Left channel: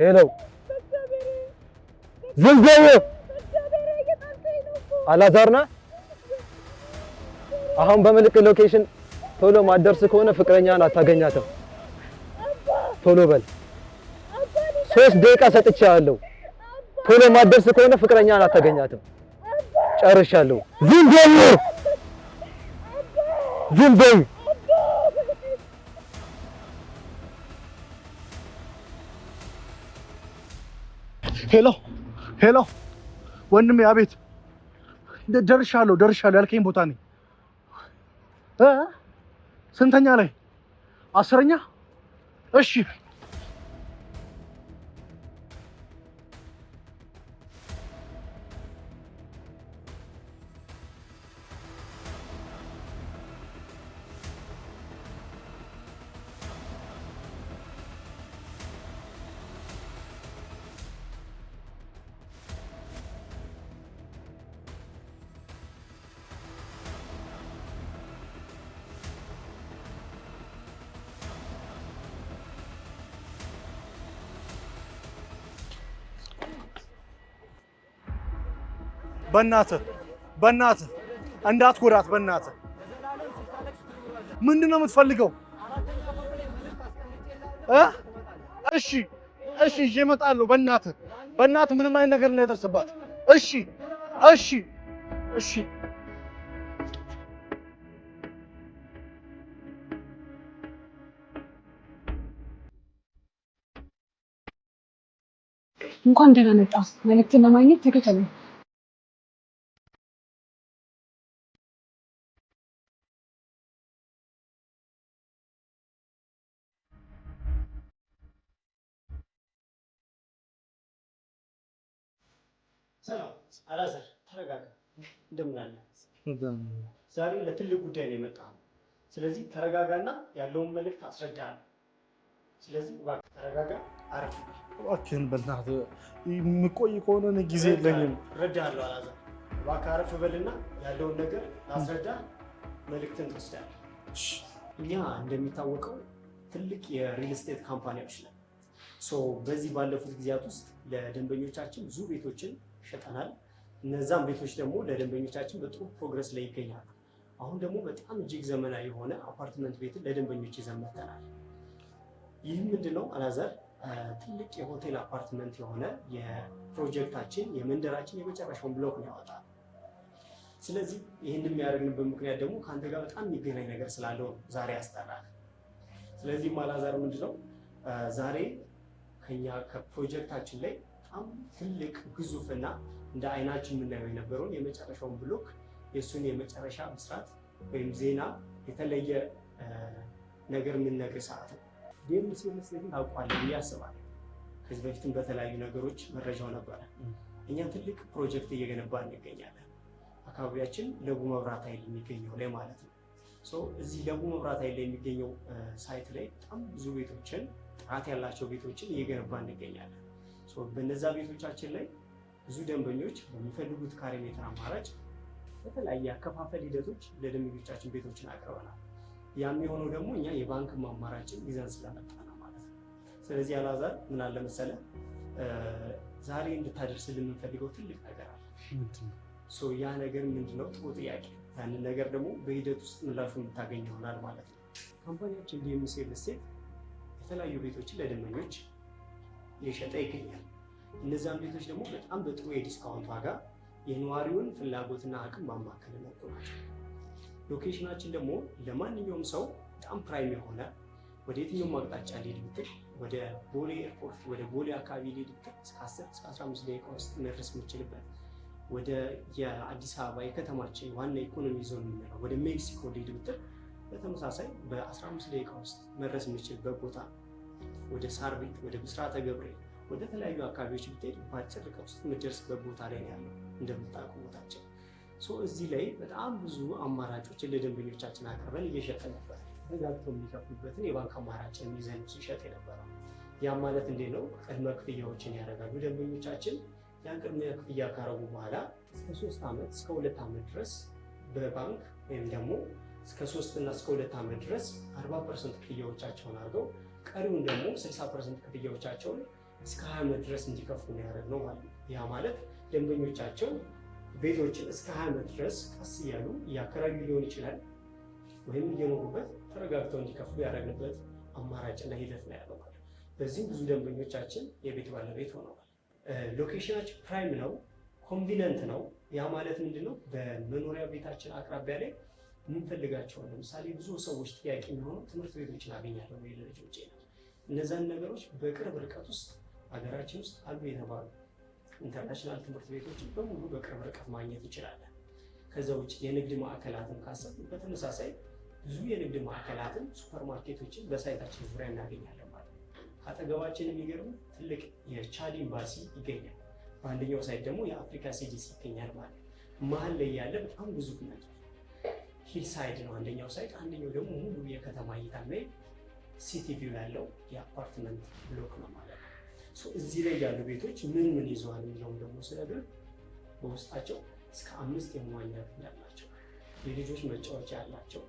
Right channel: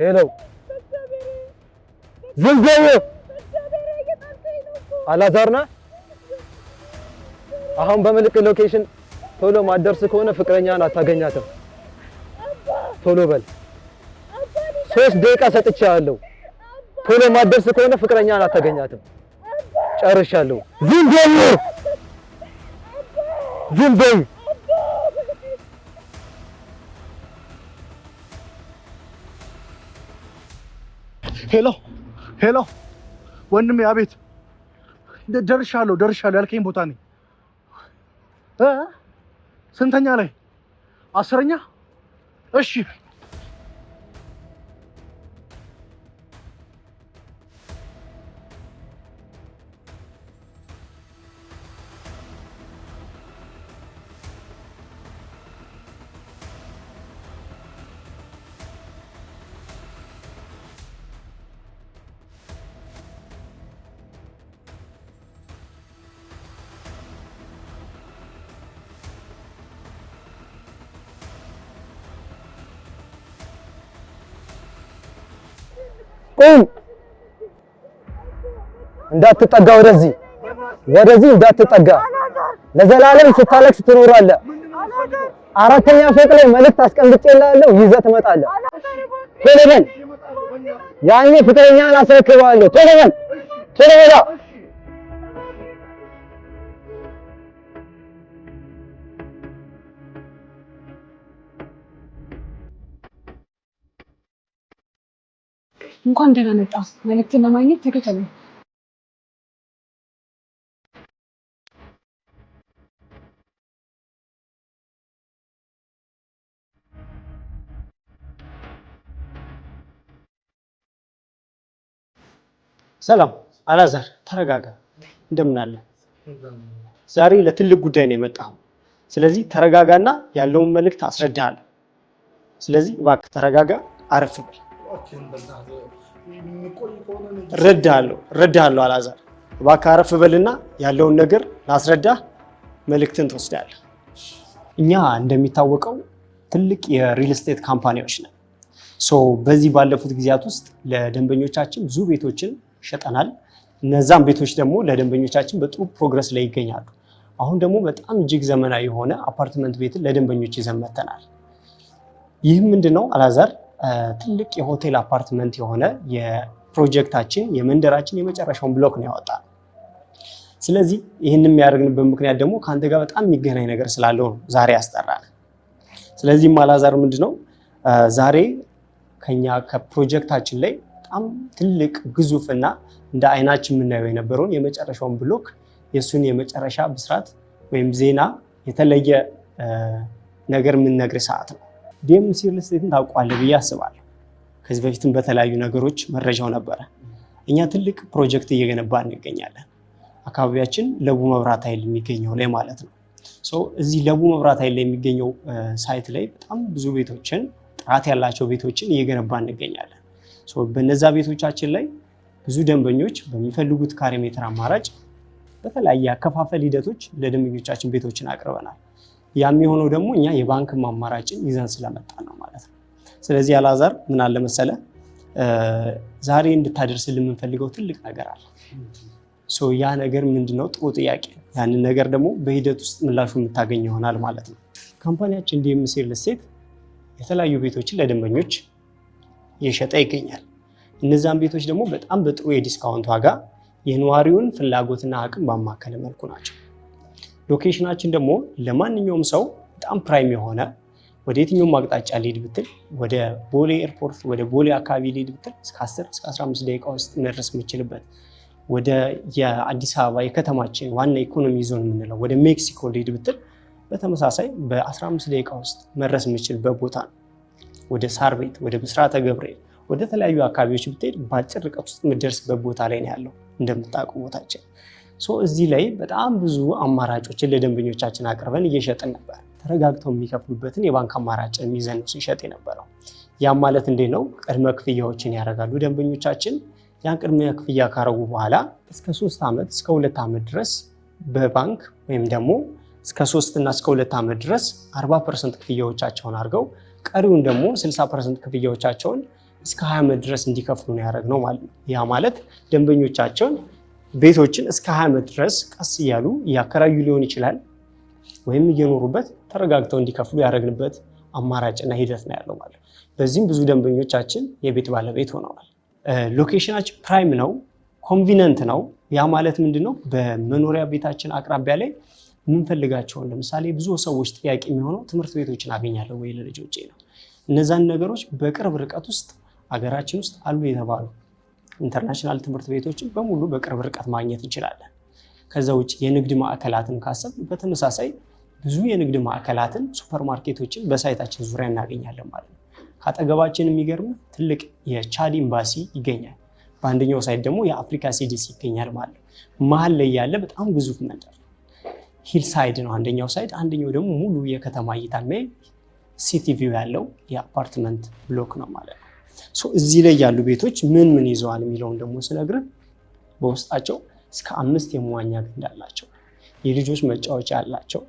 ሄሎ ዝም በል አላዛርና አሁን በምልክ ሎኬሽን ቶሎ ማደርስ ከሆነ ፍቅረኛን አታገኛትም ቶሎ በል 3 ደቂቃ ሰጥቻለሁ ቶሎ ማደርስ ከሆነ ፍቅረኛን አታገኛትም ጨርሻለሁ ዝም በል ሄሎ ወንድሜ አቤት ደርሻለሁ ያልከኝ ቦታ ነኝ ስንተኛ ላይ 10ኛ እሺ እንዳትጠጋ ወደዚህ እንዳትጠጋ ለዘላለም ስታለቅስ ትኖራለህ ምንድነው የምትፈልገው 4ኛ ፎቅ ላይ መልእክት አስቀምጬልሃለሁ ይዘህ ትመጣለህ እሺ ይዤ እመጣለሁ በእናትህ ያኔ ፍቅረኛህን አስረክብሃለሁ ቶሎ በል እሺ እንኳን ደህና መጣ መልእክትን ለማግኘት ተከተለኝ ሰላም አላዛር ተረጋጋ እንደምን አለ ዛሬ ለትልቅ ጉዳይ ነው የመጣው ስለዚህ ተረጋጋና ያለውን መልእክት አስረዳሃለሁ ስለዚህ እባክህ ተረጋጋ አረፍ በል እባክህን በእናትህ የሚቆይ ከሆነ እረዳሃለሁ አላዛር እባክህ አረፍ በልና ያለውን ነገር ላስረዳህ መልእክትን ትወስዳለህ እኛ እንደሚታወቀው ትልቅ የሪል ስቴት ካምፓኒዎች ነን በዚህ ባለፉት ጊዜያት ውስጥ ለደንበኞቻችን ብዙ ቤቶችን ሸጠናል እነዛም ቤቶች ደግሞ ለደንበኞቻችን በጥሩ ፕሮግረስ ላይ ይገኛሉ አሁን ደግሞ በጣም እጅግ ዘመናዊ የሆነ አፓርትመንት ቤትን ለደንበኞች ይዘን መጥተናል ይህም ምንድነው አላዛር ትልቅ የሆቴል አፓርትመንት የሆነ የፕሮጀክታችን የመንደራችን የመጨረሻውን ብሎክ ነው ያወጣው ስለዚህ ይህንን የሚያደርግንበት ምክንያት ደግሞ ካንተ ጋር በጣም የሚገናኝ ነገር ስላለው ነው ዛሬ ያስጠራል ስለዚህ አላዛር ምንድነው ዛሬ ከኛ ከፕሮጀክታችን ላይ በጣም ትልቅ ግዙፍና እንደ አይናችን የምናየው የነበረውን የመጨረሻውን ብሎክ የሱን የመጨረሻ ብስራት ወይም ዜና የተለየ ነገር የምንነግር ሰዓት ነው ዲኤምሲ ሪል ስቴትን ታውቋለህ ብዬ አስባለሁ ከዚህ በፊትም በተለያዩ ነገሮች መረጃው ነበረ እኛ ትልቅ ፕሮጀክት እየገነባን እንገኛለን አካባቢያችን ለቡ መብራት ኃይል የሚገኘው ላይ ማለት ነው እዚህ ለቡ መብራት ኃይል ላይ የሚገኘው ሳይት ላይ በጣም ብዙ ቤቶችን ጥራት ያላቸው ቤቶችን እየገነባን እንገኛለን በነዛ ቤቶቻችን ላይ ብዙ ደንበኞች በሚፈልጉት ካሬ ሜትር አማራጭ በተለያየ አከፋፈል ሂደቶች ለደንበኞቻችን ቤቶችን አቅርበናል ያም የሆነው ደግሞ እኛ የባንክ አማራጭን ይዘን ስለመጣን ነው ማለት ነው ስለዚህ አላዛር ምን አለ መሰለ ዛሬ እንድታደርስልን የምንፈልገው ትልቅ ነገር አለ ያ ነገር ምንድነው ጥሩ ጥያቄ ያንን ነገር ደግሞ በሂደት ውስጥ ምላሹ የምታገኝ ይሆናል ማለት ነው ካምፓኒያችን ዲኤምሲ ሪል ስቴት የተለያዩ ቤቶችን ለደንበኞች እየሸጠ ይገኛል እነዛን ቤቶች ደግሞ በጣም በጥሩ የዲስካውንት ዋጋ የነዋሪውን ፍላጎትና አቅም ባማከለ መልኩ ናቸው ሎኬሽናችን ደግሞ ለማንኛውም ሰው በጣም ፕራይም የሆነ ወደ የትኛውም አቅጣጫ ሊሄድ ብትል ወደ ቦሌ ኤርፖርት ወደ ቦሌ አካባቢ ሊሄድ ብትል እስከ 10 እስከ 15 ደቂቃ ውስጥ መድረስ የምችልበት ወደ የአዲስ አበባ የከተማችን ዋና ኢኮኖሚ ዞን የምንለው ወደ ሜክሲኮ ሊሄድ ብትል በተመሳሳይ በ15 ደቂቃ ውስጥ መድረስ የምችልበት ቦታ ነው ወደ ሳር ቤት ወደ ብስራተ ገብርኤል ወደ ተለያዩ አካባቢዎች ብትሄድ በአጭር ርቀት ውስጥ የምትደርስበት ቦታ ላይ ነው ያለው እንደምታውቁ ቦታችን እዚህ ላይ በጣም ብዙ አማራጮችን ለደንበኞቻችን አቅርበን እየሸጥን ነበር ተረጋግተው የሚከፍሉበትን የባንክ አማራጭን ይዘን ሲሸጥ የነበረው ያም ማለት እንዴት ነው ቅድመ ክፍያዎችን ያደርጋሉ ደንበኞቻችን ያን ቅድመ ክፍያ ካረጉ በኋላ እስከ 3 ዓመት እስከ 2 ዓመት ድረስ በባንክ ወይም ደግሞ እስከ 3 እና እስከ 2 ዓመት ድረስ 40% ክፍያዎቻቸውን አድርገው ቀሪውን ደግሞ 60% ክፍያዎቻቸውን እስከ 20 ዓመት ድረስ እንዲከፍሉ ነው ያደረግነው ማለት ነው። ያ ማለት ደንበኞቻቸውን ቤቶችን እስከ 20 ዓመት ድረስ ቀስ እያሉ እያከራዩ ሊሆን ይችላል ወይም እየኖሩበት ተረጋግተው እንዲከፍሉ ያደረግንበት አማራጭና ሂደት ነው ያለው ማለት ነው። በዚህም ብዙ ደንበኞቻችን የቤት ባለቤት ሆነዋል። ሎኬሽናችን ፕራይም ነው፣ ኮንቪነንት ነው። ያ ማለት ምንድነው? በመኖሪያ ቤታችን አቅራቢያ ላይ የምንፈልጋቸውን ለምሳሌ ብዙ ሰዎች ጥያቄ የሚሆነው ትምህርት ቤቶችን አገኛለሁ ወይ ለልጆቼ ነው። እነዛን ነገሮች በቅርብ ርቀት ውስጥ ሀገራችን ውስጥ አሉ የተባሉ ኢንተርናሽናል ትምህርት ቤቶችን በሙሉ በቅርብ ርቀት ማግኘት እንችላለን። ከዛ ውጭ የንግድ ማዕከላትን ካሰብ በተመሳሳይ ብዙ የንግድ ማዕከላትን ሱፐርማርኬቶችን በሳይታችን ዙሪያ እናገኛለን ማለት ነው። ከአጠገባችን የሚገርም ትልቅ የቻድ ኤምባሲ ይገኛል። በአንደኛው ሳይት ደግሞ የአፍሪካ ሲዲሲ ይገኛል ማለት ነው። መሀል ላይ ያለ በጣም ግዙፍ መንደር ሂል ሳይድ ነው አንደኛው ሳይት፣ አንደኛው ደግሞ ሙሉ የከተማ እይታ የሚያይ ሲቲ ቪው ያለው የአፓርትመንት ብሎክ ነው ማለት ነው። እዚህ ላይ ያሉ ቤቶች ምን ምን ይዘዋል የሚለውን ደግሞ ስነግርህ በውስጣቸው እስከ 5 የመዋኛ ገንዳ አላቸው፣ የልጆች መጫወቻ አላቸው፣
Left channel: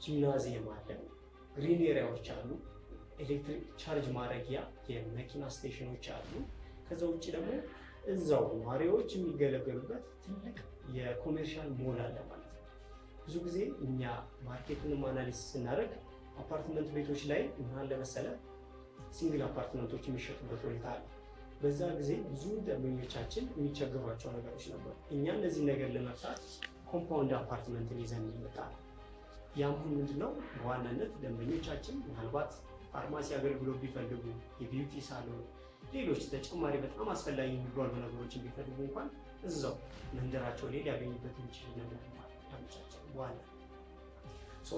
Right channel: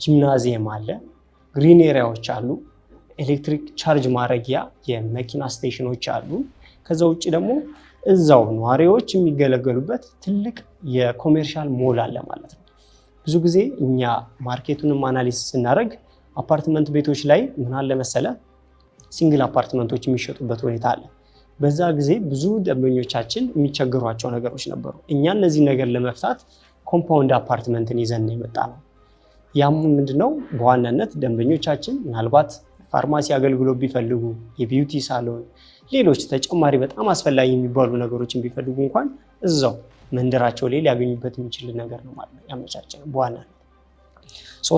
ጂምናዚየም አለ፣ ግሪን ኤሪያዎች አሉ፣ ኤሌክትሪክ ቻርጅ ማድረጊያ የመኪና ስቴሽኖች አሉ። ከዛ ውጭ ደግሞ እዛው ነዋሪዎች የሚገለገሉበት ትልቅ የኮሜርሻል ሞል አለ ማለት ነው። ብዙ ጊዜ እኛ ማርኬቱንም አናሊሲስ ስናደርግ አፓርትመንት ቤቶች ላይ ምን አለ መሰለ ሲንግል አፓርትመንቶች የሚሸጡበት ሁኔታ አለ። በዛ ጊዜ ብዙ ደንበኞቻችን የሚቸገሯቸው ነገሮች ነበሩ። እኛ እነዚህ ነገር ለመፍታት ኮምፓውንድ አፓርትመንትን ይዘን ነው የመጣ ነው። ያም ምንድነው በዋናነት ደንበኞቻችን ምናልባት ፋርማሲ አገልግሎት ቢፈልጉ፣ የቢዩቲ ሳሎን፣ ሌሎች ተጨማሪ በጣም አስፈላጊ የሚባሉ ነገሮችን ቢፈልጉ እንኳን እዛው መንደራቸው ላይ ሊያገኙበት የሚችል ነገር ነው ማለት ነው ያመቻቸነው በዋናነት።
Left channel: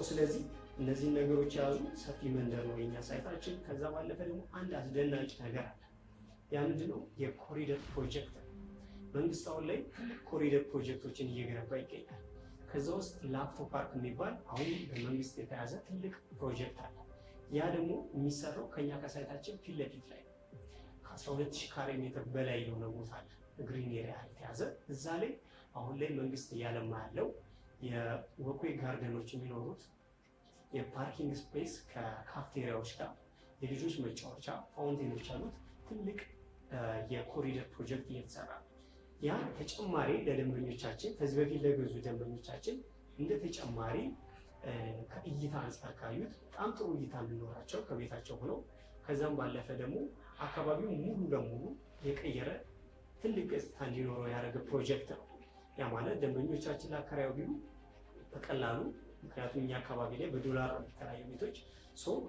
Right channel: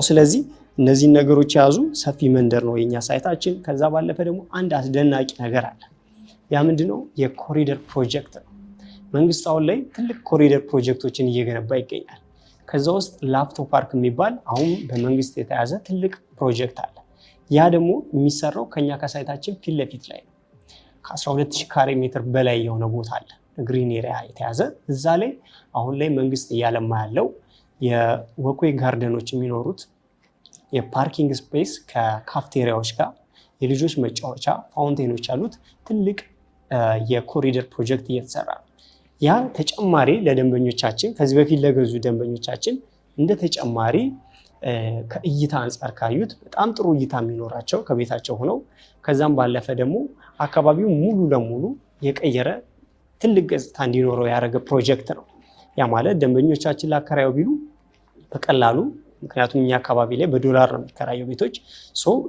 ስለዚህ እነዚህን ነገሮች የያዙ ሰፊ መንደር ነው የኛ ሳይታችን። ከዛ ባለፈ ደግሞ አንድ አስደናቂ ነገር አለ። ያ ምንድነው? የኮሪደር ፕሮጀክት ነው። መንግስት አሁን ላይ ትልቅ ኮሪደር ፕሮጀክቶችን እየገነባ ይገኛል። ከዛ ውስጥ ላፍቶ ፓርክ የሚባል አሁን በመንግስት የተያዘ ትልቅ ፕሮጀክት አለ። ያ ደግሞ የሚሰራው ከኛ ከሳይታችን ፊት ለፊት ላይ ነው። ከ12000 ካሬ ሜትር በላይ የሆነ ቦታ አለ ግሪን ኤሪያ የተያዘ። እዛ ላይ አሁን ላይ መንግስት እያለማ ያለው የወክዌይ ጋርደኖች የሚኖሩት የፓርኪንግ ስፔስ ከካፍቴሪያዎች ጋር የልጆች መጫወቻ ፋውንቴኖች ያሉት ትልቅ የኮሪደር ፕሮጀክት እየተሰራ ነው። ያ ተጨማሪ ለደንበኞቻችን ከዚህ በፊት ለገዙ ደንበኞቻችን እንደ ተጨማሪ ከእይታ አንጻር ካዩት በጣም ጥሩ እይታ የሚኖራቸው ከቤታቸው ሆነው ከዛም ባለፈ ደግሞ አካባቢው ሙሉ ለሙሉ የቀየረ ትልቅ ገጽታ እንዲኖረው ያደረገ ፕሮጀክት ነው። ያ ማለት ደንበኞቻችን ላከራዩ ቢሉ በቀላሉ ምክንያቱም እኛ አካባቢ ላይ በዶላር ነው የሚከራየው ቤቶች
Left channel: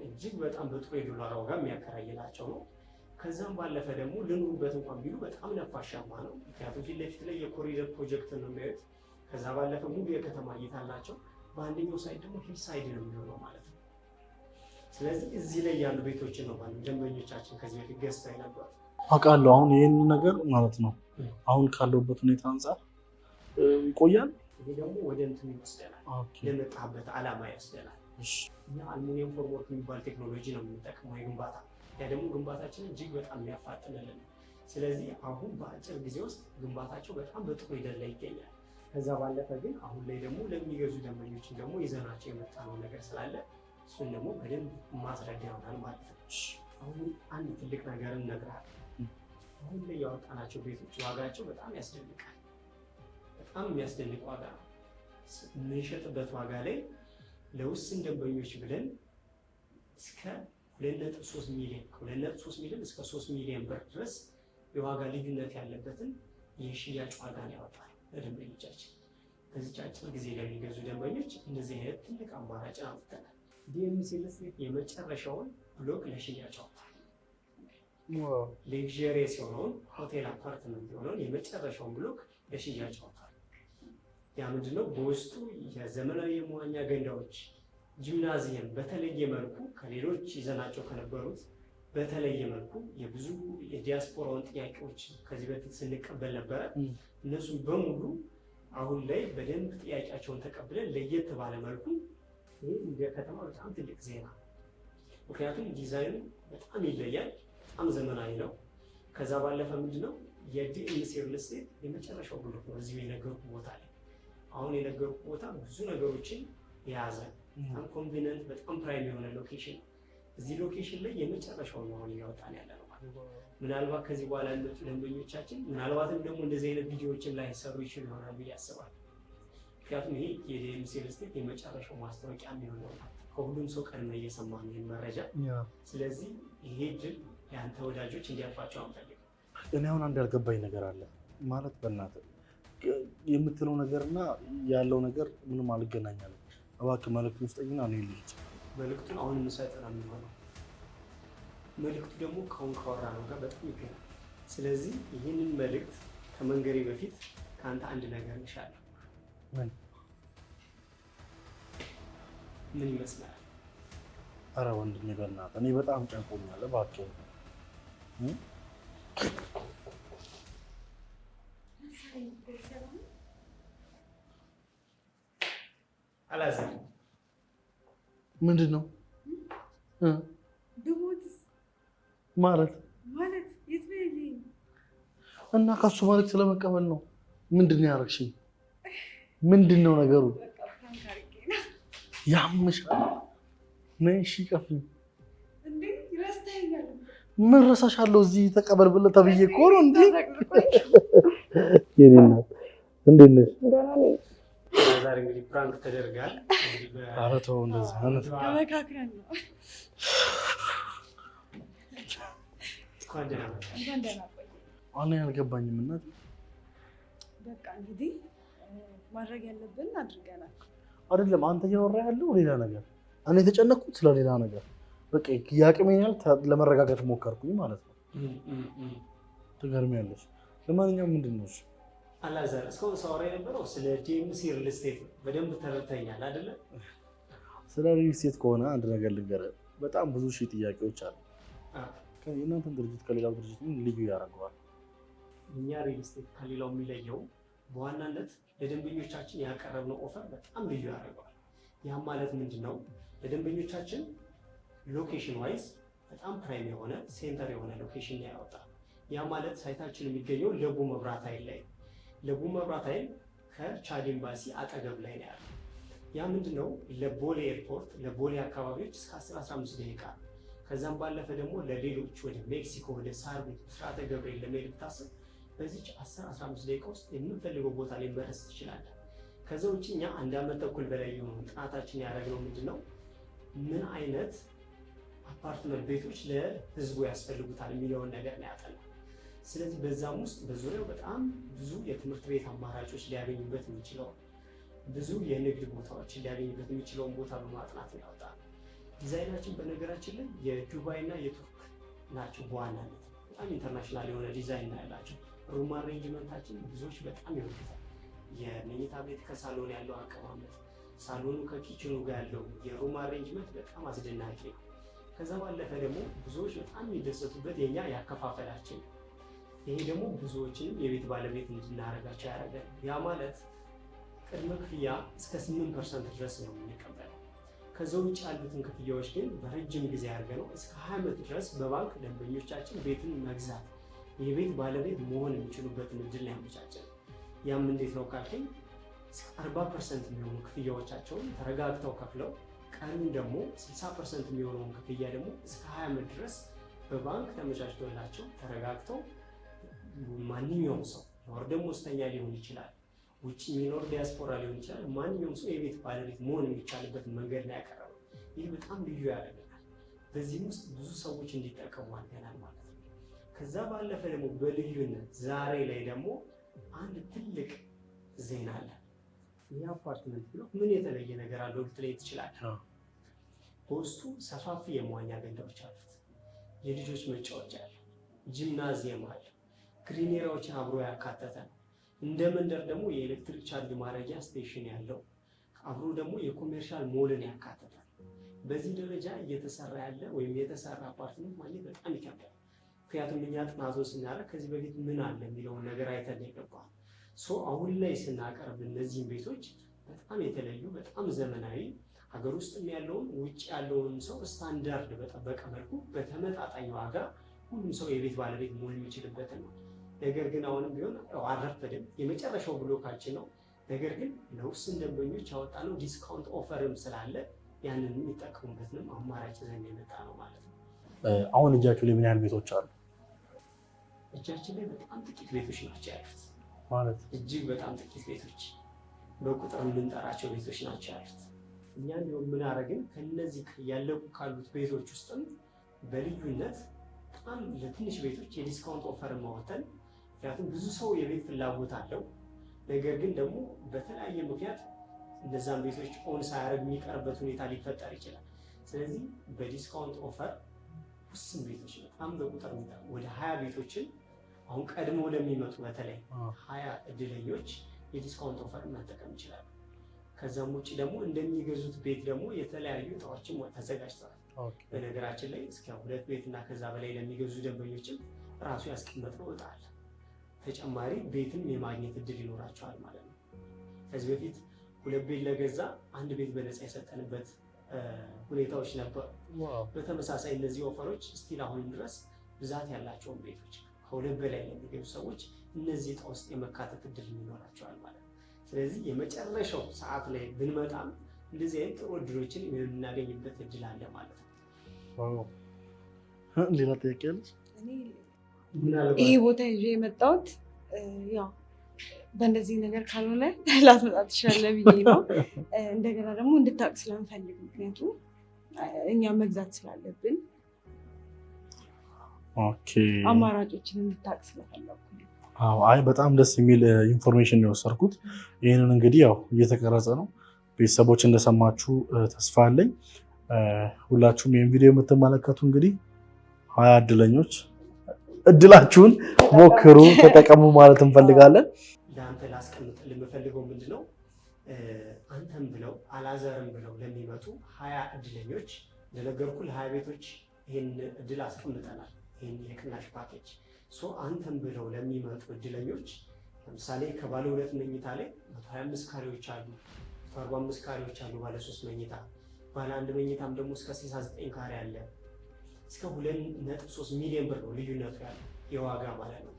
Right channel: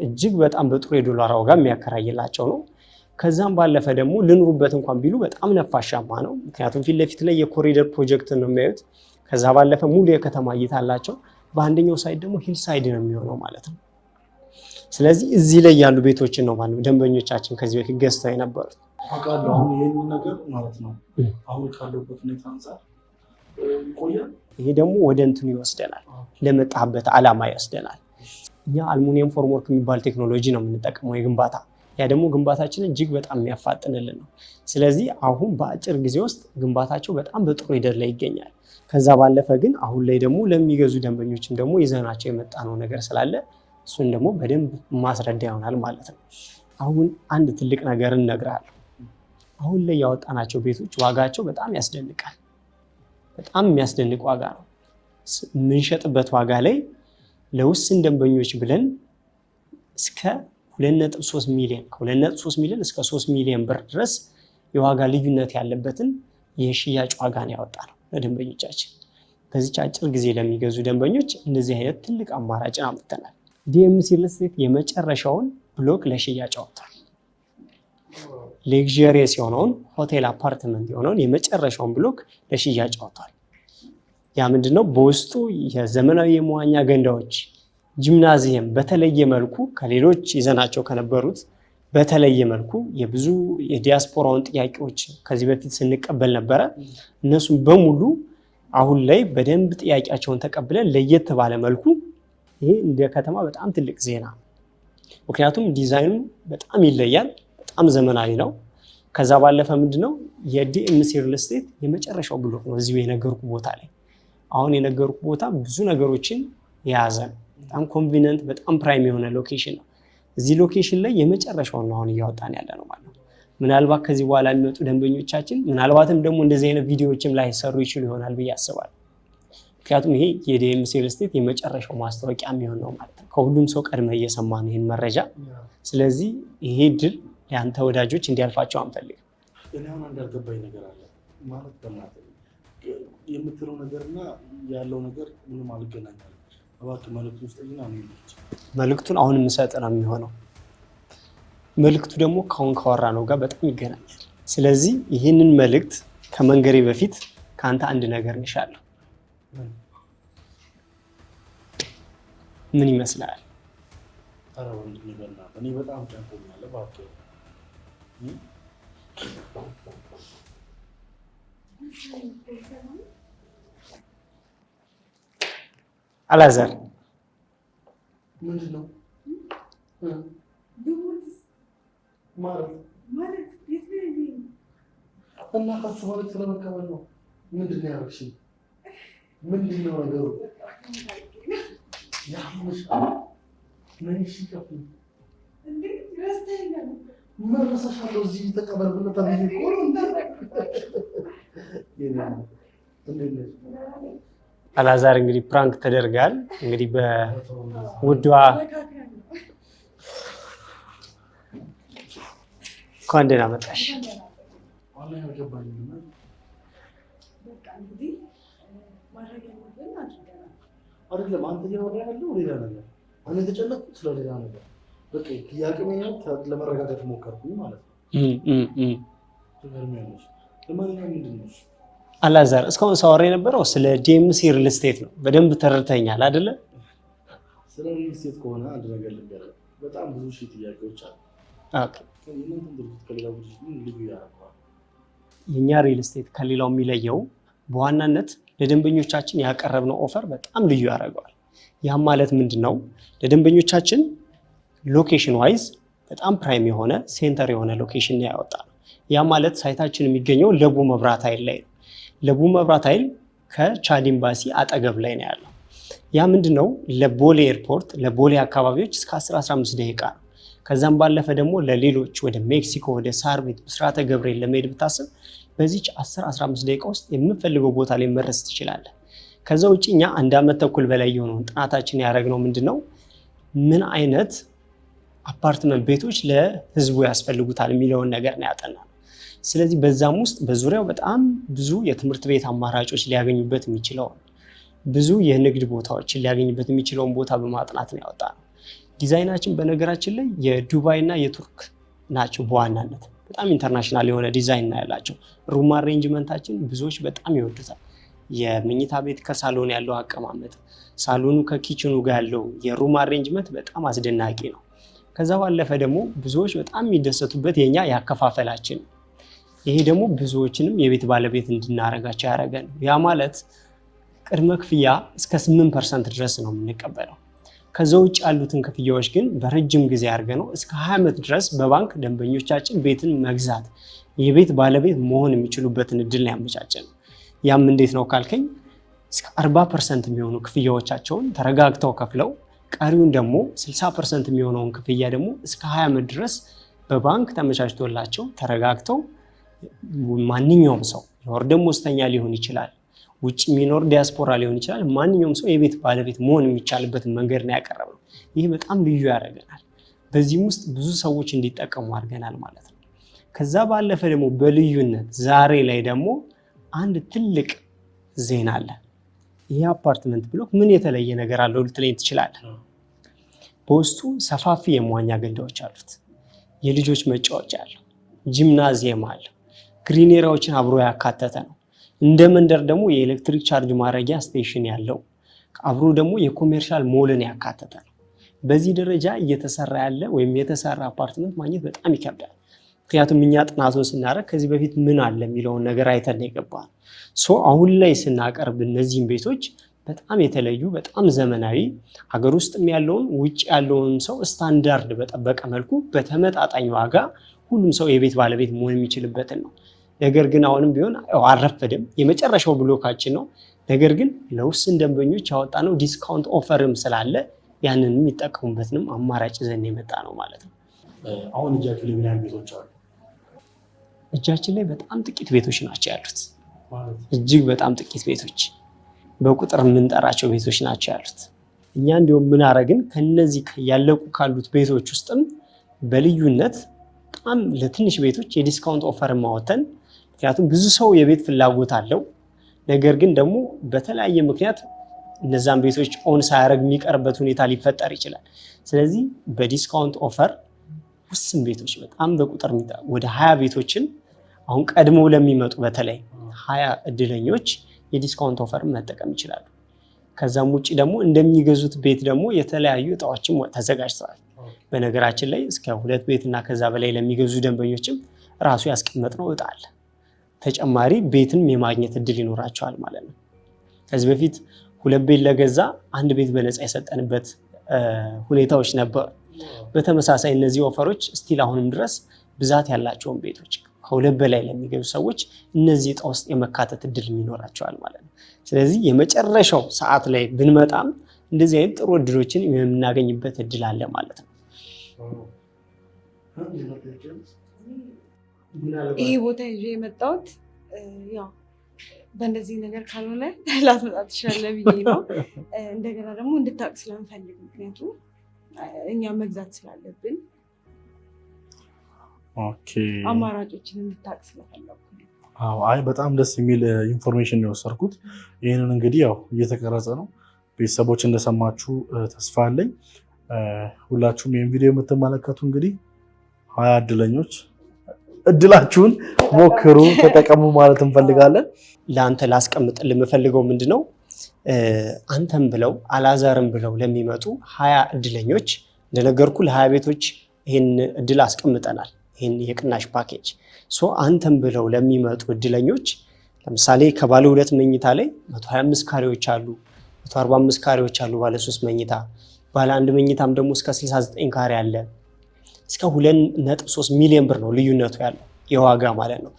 እጅግ በጣም በጥሩ የዶላር ዋጋ የሚያከራይላቸው ነው። ከዛም ባለፈ ደግሞ ልኑሩበት እንኳን ቢሉ በጣም ነፋሻማ ነው። ምክንያቱም ፊት ለፊት ላይ የኮሪደር ፕሮጀክት ነው የሚያዩት። ከዛ ባለፈ ሙሉ የከተማ እይታ አላቸው። በአንደኛው ሳይድ ደግሞ ሂል ሳይድ ነው የሚሆነው ማለት ነው። ስለዚህ እዚህ ላይ ያሉ ቤቶችን ነው ማለት ነው ደንበኞቻችን ከዚህ በፊት ገዝተው የነበሩት። አውቃለሁ። አሁን ይህን ነገር ማለት ነው አሁን ካለበት ሁኔታ አንጻር ይቆያል። ይሄ ደግሞ ወደ እንትኑ ይወስደናል፣ ለመጣበት ዓላማ ይወስደናል። እኛ አልሙኒየም ፎርምወርክ የሚባል ቴክኖሎጂ ነው የምንጠቀመው የግንባታ። ያ ደግሞ ግንባታችንን እጅግ በጣም የሚያፋጥንልን ነው። ስለዚህ አሁን በአጭር ጊዜ ውስጥ ግንባታቸው በጣም በጥሩ ሂደት ላይ ይገኛል። ከዛ ባለፈ ግን አሁን ላይ ደግሞ ለሚገዙ ደንበኞችም ደግሞ ይዘናቸው የመጣ ነው ነገር ስላለ እሱን ደግሞ በደንብ ማስረዳ ይሆናል ማለት ነው። አሁን አንድ ትልቅ ነገር እነግርሃለሁ። አሁን ላይ ያወጣናቸው ቤቶች ዋጋቸው በጣም ያስደንቃል። በጣም የሚያስደንቅ ዋጋ ነው። የምንሸጥበት ዋጋ ላይ ለውስን ደንበኞች ብለን እስከ 2.3 ሚሊዮን ከ2.3 ሚሊዮን እስከ 3 ሚሊዮን ብር ድረስ የዋጋ ልዩነት ያለበትን የሽያጭ ዋጋ ነው ያወጣነው ለደንበኞቻችን። በዚች አጭር ጊዜ ለሚገዙ ደንበኞች እንደዚህ አይነት ትልቅ አማራጭን አምጥተናል። ዲኤምሲ ሪል ስቴት የመጨረሻውን ብሎክ ለሽያጭ አወጥቷል። ሌክዠሪየስ የሆነውን ሆቴል አፓርትመንት የሆነውን የመጨረሻውን ብሎክ ለሽያጭ አወጥቷል። ያ ምንድነው? በውስጡ የዘመናዊ የመዋኛ ገንዳዎች፣ ጂምናዚየም በተለየ መልኩ ከሌሎች ይዘናቸው ከነበሩት በተለየ መልኩ የብዙ የዲያስፖራውን ጥያቄዎች ከዚህ በፊት ስንቀበል ነበረ። እነሱም በሙሉ አሁን ላይ በደንብ ጥያቄያቸውን ተቀብለን ለየት ባለ መልኩ ይሄ እንደ ከተማ በጣም ትልቅ ዜና። ምክንያቱም ዲዛይኑ በጣም ይለያል፣ በጣም ዘመናዊ ነው። ከዛ ባለፈ ምንድነው የዲኤምሲ ሪል ስቴት የመጨረሻው ብሎክ ነው እዚሁ የነገርኩ ቦታ ላይ። አሁን የነገርኩ ቦታ ብዙ ነገሮችን የያዘ ነው። በጣም ኮንቪኒየንት፣ በጣም ፕራይም የሆነ ሎኬሽን ነው። እዚህ ሎኬሽን ላይ የመጨረሻውን ነው አሁን እያወጣን ያለ ነው ማለት ነው። ምናልባት ከዚህ በኋላ የሚመጡ ደንበኞቻችን ምናልባትም ደግሞ እንደዚህ አይነት ቪዲዮዎችም ላይ ሰሩ ይችሉ ይሆናል ብዬ አስባለሁ። ምክንያቱም ይሄ የዲኤምሲ ሪል ስቴት የመጨረሻው ማስታወቂያ የሚሆን ነው ማለት ነው። ከሁሉም ሰው ቀድመህ እየሰማን ይህን መረጃ። ስለዚህ ይሄ ድል የአንተ ወዳጆች እንዲያልፋቸው አንፈልግም። እኔ አሁን አንድ ያልገባኝ ነገር አለ ማለት በእናትህ የምትለው ነገርና ያለው ነገር ምንም አልገናኛለም። እባክህ መልዕክቱን ውስጠኝና ነው ይልኝ። መልዕክቱን አሁን የምሰጥ ነው የሚሆነው። መልዕክቱ ደግሞ ካሁን ካወራ ነው ጋር በጣም ይገናኛል። ስለዚህ ይህንን መልዕክት ከመንገሬ በፊት ከአንተ አንድ ነገር እንሻለሁ። ምን ይመስላል? ኧረ ወንድሜ በእናትህ እኔ በጣም ጨንቆኛል። እባክህ አላዛር ምንድን ነው ማለት እና ከሱ መልዕክት ለመቀበል ነው? ምንድን ነው ያደረግሽኝ? ምንድን ነው ነገሩ? ያምሻል ነይ እሺ ቀፍኝ ምን ረሳሻለሁ? እዚህ ተቀበል ብለህ ተብዬ እኮ ነው እንዴ? እንዴት ነሽ? አላዛር እንግዲህ ፕራንክ ተደርጋል። እንግዲህ በውዷ እንኳን ደህና መጣሽ። አሁን ያልገባኝም እና በቃ እንግዲህ ማድረግ ያለብን አድርገናል። አይደለም አንተ እያወራህ ያለው ሌላ ነገር፣ እኔ የተጨነቅኩት ስለሌላ ነገር። በቃ ያቅሜን ያህል ለመረጋጋት ሞከርኩኝ ማለት ነው። ትገርሚያለሽ። ለማንኛውም ምንድን ነው አላዛር እስካሁን ሳወራ የነበረው ስለ ዲኤምሲ ሪል ስቴት ነው። በደንብ ተረድተኛል አይደለ? ስለ ሪል ስቴት ከሆነ አንድ ነገር ልንገርህ፣ በጣም ብዙ ሺህ ጥያቄዎች አሉ። ኦኬ። የእናንተን ድርጅት ከሌላው ድርጅት ምን ልዩ ያደርገዋል? የእኛ ሪል ስቴት ከሌላው የሚለየው በዋናነት ለደንበኞቻችን ያቀረብነው ኦፈር በጣም ልዩ ያደርገዋል። ያም ማለት ምንድን ነው? ለደንበኞቻችን ሎኬሽን ዋይዝ በጣም ፕራይም የሆነ ሴንተር የሆነ ሎኬሽን ያወጣል። ያ ማለት ሳይታችን የሚገኘው ለቡ መብራት ኃይል ላይ ነው። ለቡ መብራት ኃይል ከቻድ ኤምባሲ አጠገብ ላይ ነው ያለው። ያ ምንድነው? ለቦሌ ኤርፖርት ለቦሌ አካባቢዎች እስከ 10-15 ደቂቃ ነው። ከዛም ባለፈ ደግሞ ለሌሎች ወደ ሜክሲኮ ወደ ሳር ቤት ብስራተ ገብርኤል ለመሄድ ብታስብ በዚች 10-15 ደቂቃ ውስጥ የምፈልገው ቦታ ላይ መድረስ ትችላለህ። ከዛ ውጭ እኛ 1 ዓመት ተኩል በላይ የሆነውን ጥናታችን ያደረግነው ምንድነው ምን አይነት አፓርትመንት ቤቶች ለህዝቡ ያስፈልጉታል የሚለውን ነገር ነው ያጠናው። ስለዚህ በዛም ውስጥ በዙሪያው በጣም ብዙ የትምህርት ቤት አማራጮች ሊያገኙበት የሚችለውን ብዙ የንግድ ቦታዎችን ሊያገኙበት የሚችለውን ቦታ በማጥናት ነው ያወጣነው። ዲዛይናችን በነገራችን ላይ የዱባይ እና የቱርክ ናቸው። በዋናነት በጣም ኢንተርናሽናል የሆነ ዲዛይን ነው ያላቸው። ሩም አሬንጅመንታችን ብዙዎች በጣም ይወዱታል። የመኝታ ቤት ከሳሎን ያለው አቀማመጥ፣ ሳሎኑ ከኪችኑ ጋር ያለው የሩም አሬንጅመንት በጣም አስደናቂ ነው። ከዛ ባለፈ ደግሞ ብዙዎች በጣም የሚደሰቱበት የኛ ያከፋፈላችን ነው። ይሄ ደግሞ ብዙዎችንም የቤት ባለቤት እንድናረጋቸው ያደረገን። ያ ማለት ቅድመ ክፍያ እስከ 8% ድረስ ነው የምንቀበለው። ከዛ ውጭ ያሉትን ክፍያዎች ግን በረጅም ጊዜ አድርገ ነው እስከ 20 ዓመት ድረስ በባንክ ደንበኞቻችን ቤትን መግዛት የቤት ባለቤት መሆን የሚችሉበትን እድል ነው ያመቻቸን። ያም እንዴት ነው ካልከኝ እስከ 40% የሚሆኑ ክፍያዎቻቸውን ተረጋግተው ከፍለው ቀሪውን ደግሞ 60% የሚሆነውን ክፍያ ደግሞ እስከ 20 ዓመት ድረስ በባንክ ተመቻችቶላቸው ተረጋግተው ማንኛውም ሰው የወር ደመወዝተኛ ሊሆን ይችላል፣ ውጭ የሚኖር ዲያስፖራ ሊሆን ይችላል። ማንኛውም ሰው የቤት ባለቤት መሆን የሚቻልበትን መንገድ ነው ያቀረብነው። ይህ በጣም ልዩ ያደርገናል። በዚህም ውስጥ ብዙ ሰዎች እንዲጠቀሙ አድርገናል ማለት ነው። ከዛ ባለፈ ደግሞ በልዩነት ዛሬ ላይ ደግሞ አንድ ትልቅ ዜና አለ። ይህ አፓርትመንት ብሎክ ምን የተለየ ነገር አለው ልትለኝ ትችላለህ። በውስጡ ሰፋፊ የመዋኛ ገንዳዎች አሉት፣ የልጆች መጫወቻ አለው፣ ጂምናዚየም አለ፣ ግሪን ኤሪያዎችን አብሮ ያካተተ ነው። እንደ መንደር ደግሞ የኤሌክትሪክ ቻርጅ ማድረጊያ ስቴሽን ያለው አብሮ ደግሞ የኮሜርሻል ሞልን ያካተተ ነው። በዚህ ደረጃ እየተሰራ ያለ ወይም የተሰራ አፓርትመንት ማግኘት በጣም ይከብዳል። ምክንያቱም እኛ ጥናቱን ስናደርግ ከዚህ በፊት ምን አለ የሚለውን ነገር አይተን የገባን። አሁን ላይ ስናቀርብ እነዚህም ቤቶች በጣም የተለዩ በጣም ዘመናዊ ሀገር ውስጥም ያለውን ውጭ ያለውን ሰው ስታንዳርድ በጠበቀ መልኩ በተመጣጣኝ ዋጋ ሁሉም ሰው የቤት ባለቤት መሆን የሚችልበትን ነው። ነገር ግን አሁንም ቢሆን አልረፈደም፣ የመጨረሻው ብሎካችን ነው። ነገር ግን ለውስን ደንበኞች ያወጣነው ዲስካውንት ኦፈርም ስላለ ያንን የሚጠቀሙበትንም አማራጭ ይዘን የመጣ ነው ማለት ነው። አሁን እጃችሁ ላይ ምን ያህል ቤቶች አሉ? እጃችን ላይ በጣም ጥቂት ቤቶች ናቸው ያሉት። ማለት እጅግ በጣም ጥቂት ቤቶች በቁጥር የምንጠራቸው ቤቶች ናቸው ያሉት። እኛ እንዲሁም ምን አረግን ከነዚህ ያለቁ ካሉት ቤቶች ውስጥም በልዩነት በጣም ለትንሽ ቤቶች የዲስካውንት ኦፈር ማወተን። ምክንያቱም ብዙ ሰው የቤት ፍላጎት አለው፣ ነገር ግን ደግሞ በተለያየ ምክንያት እነዛን ቤቶች ኦን ሳያደርግ የሚቀርበት ሁኔታ ሊፈጠር ይችላል። ስለዚህ በዲስካውንት ኦፈር ውስን ቤቶች በጣም በቁጥር ወደ 20 ቤቶችን አሁን ቀድመው ለሚመጡ በተለይ 20 እድለኞች የዲስካውንት ኦፈር መጠቀም ይችላሉ። ከዛም ውጭ ደግሞ እንደሚገዙት ቤት ደግሞ የተለያዩ እጣዎችም ተዘጋጅተዋል። በነገራችን ላይ እስከ 2 ቤት እና ከዛ በላይ ለሚገዙ ደንበኞችም ራሱ ያስቀመጥነው እጣ አለ። ተጨማሪ ቤትን የማግኘት እድል ይኖራቸዋል ማለት ነው። ከዚህ በፊት 2 ቤት ለገዛ 1 ቤት በነፃ የሰጠንበት ሁኔታዎች ነበሩ። በተመሳሳይ እነዚህ ኦፈሮች ስቲል አሁንም ድረስ ብዛት ያላቸውን ቤቶች ከ2 በላይ ለሚገዙ ሰዎች እነዚህ እጣ ውስጥ የመካተት እድል ይኖራቸዋል ማለት ነው። ስለዚህ የመጨረሻው ሰዓት ላይ ብንመጣም እንደዚህ አይነት ጥሩ እድሎችን የምናገኝበት እድል አለ ማለት ነው። ይሄ ቦታ ይዤ የመጣሁት ያው በእንደዚህ ነገር ካልሆነ ላትመጣ ትችላለህ ብዬ ነው። እንደገና ደግሞ እንድታውቅ ስለምፈልግ ምክንያቱም እኛ መግዛት ስላለብን አማራጮችን እንድታውቅ ስለፈለኩ። አይ በጣም ደስ የሚል ኢንፎርሜሽን ነው የወሰድኩት። ይህንን እንግዲህ ያው እየተቀረጸ ነው። ቤተሰቦች እንደሰማችሁ ተስፋ አለኝ። ሁላችሁም ይህን ቪዲዮ የምትመለከቱ እንግዲህ 20 እድለኞች እድላችሁን ሞክሩ፣ ተጠቀሙ ማለት እንፈልጋለን። ለአንተ ላስቀምጥልህ የምፈልገው ምንድነው አንተም ብለው አላዛርም ብለው ለሚመጡ 20 እድለኞች እንደነገርኩ ለ20 ቤቶች ይህን እድል አስቀምጠናል። ይህን የቅናሽ ፓኬጅ አንተም ብለው ለሚመጡ እድለኞች ለምሳሌ ከባለ 2 መኝታ ላይ 125 ካሬዎች አሉ፣ 145 ካሬዎች አሉ ባለ 3 መኝታ፣ ባለ 1 መኝታም ደግሞ እስከ 69 ካሬ አለ። እስከ 2.3 ሚሊዮን ብር ነው ልዩነቱ ያለው የዋጋ ማለት ነው።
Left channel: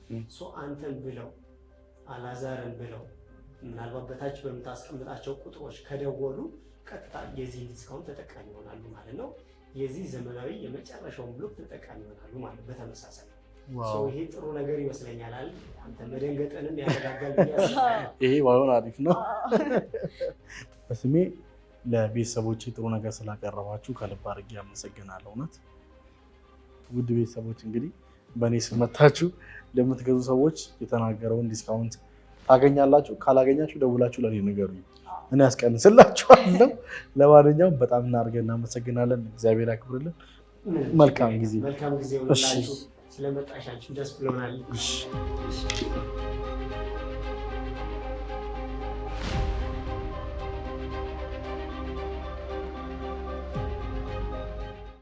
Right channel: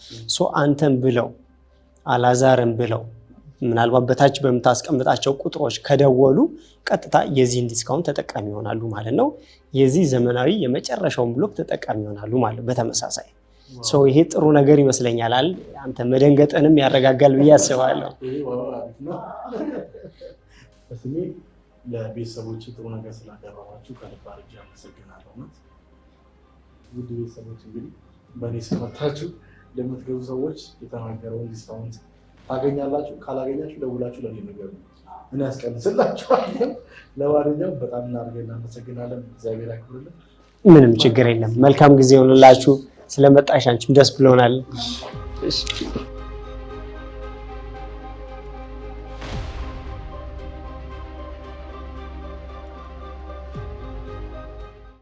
አንተም ብለው አላዛርም ብለው ምናልባት በታች በምታስቀምጣቸው ቁጥሮች ከደወሉ ቀጥታ የዚህን ዲስካውንት ተጠቃሚ ይሆናሉ ማለት ነው። የዚህ ዘመናዊ የመጨረሻውን ብሎክ ተጠቃሚ ይሆናሉ ማለት በተመሳሳይ ይሄ ጥሩ ነገር ይመስለኛል። አንተ መደንገጥንም ያረጋጋል ብዬ አስባለሁ። ይሄ ባይሆን አሪፍ ነው። በስሜ ለቤተሰቦች ጥሩ ነገር ስላቀረባችሁ ከልብ አድርጌ አመሰግናለሁ። እውነት ውድ ቤተሰቦች እንግዲህ በእኔ ስም መታችሁ ለምትገዙ ሰዎች የተናገረውን ዲስካውንት ታገኛላችሁ። ካላገኛችሁ ደውላችሁ ለኔ ንገሩኝ፣ እኔ ያስቀንስላችኋለሁ። ለማንኛውም በጣም እናድርገን እናመሰግናለን። እግዚአብሔር ያክብርልን። ምንም ችግር የለም። መልካም ጊዜ ይሁንላችሁ። ስለመጣሽ አንቺም ደስ ብሎናል።